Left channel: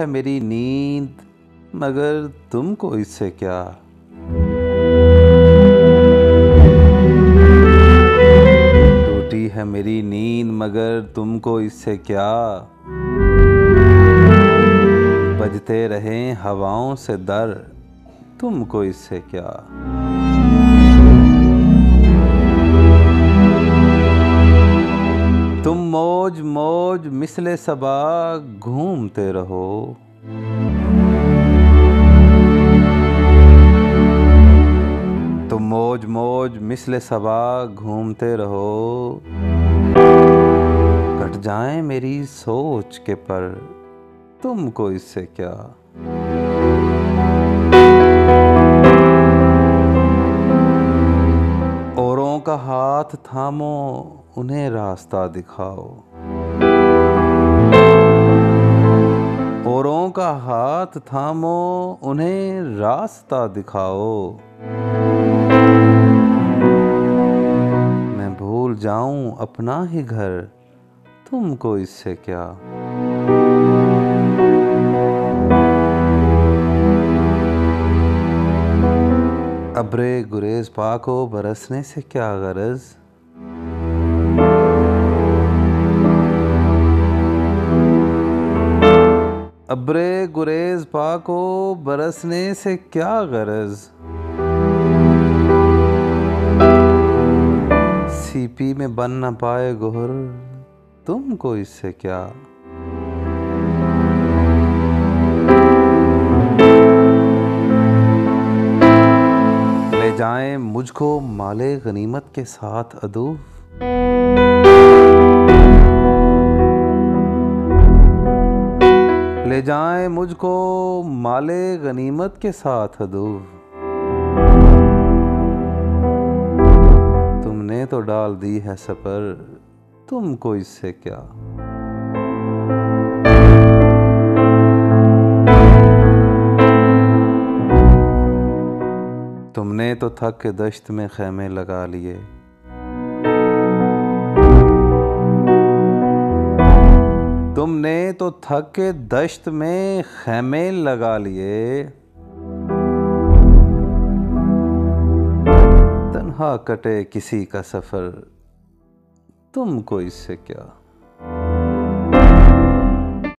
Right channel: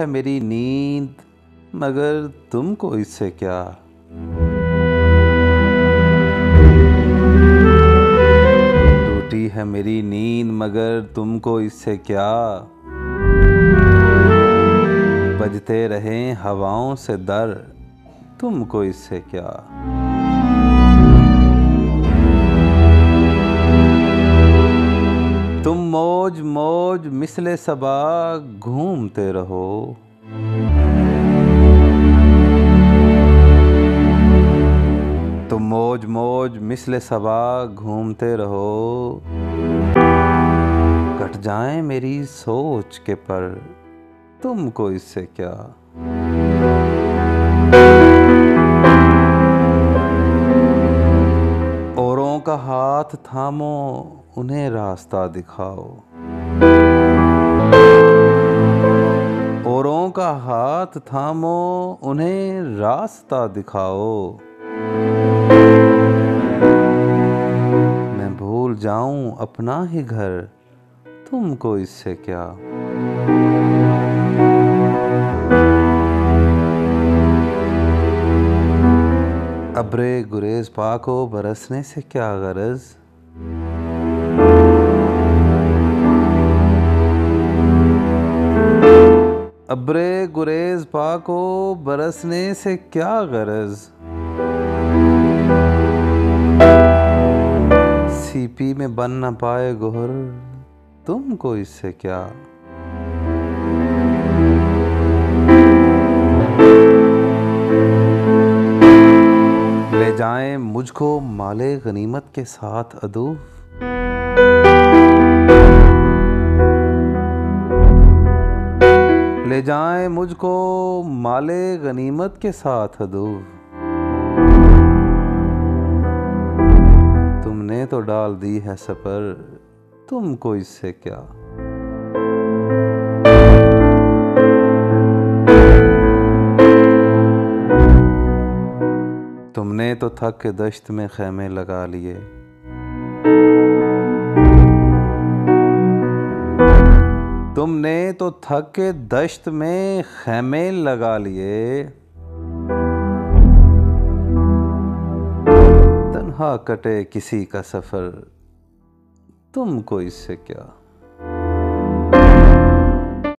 है मेरी नींद मगर तुमको इससे क्या। टूटी है मेरी नींद मगर तुमको इससे क्या। बजते रहें हवाओं से दर तुमको इससे क्या। तुम मौज मौज मिसले सबा घूमते रहो। तुम मौज मौज मिसले सबा घूमते रहो। कट जाएं मेरी सोच के पर तुमको इससे क्या। औरों का हाथ थामो उन्हें रास्ता दिखाओ। औरों का हाथ थामो उन्हें रास्ता दिखाओ। मैं भूल जाऊं अपना ही घर तुमको इससे क्या। अब्रे गुरेज पाको बरसने से क्या गरज। अब्रे गुरेज पाको बरसने से क्या गरज। सीपी में बन न पाए गोहर तुमको इससे क्या। ले जाएं मुझको माले गनीमत के साथ अदू। ले जाएं मुझको माले गनीमत के साथ अदू। तुमने तो डाल दी है सपर तुमको इससे क्या। तुमने तो थक के दश्त में खैमे लगा लिए। तुमने तो थक के दश्त में खैमे लगा लिए। तन्हा कटे किसी का सफर तुमको इससे क्या।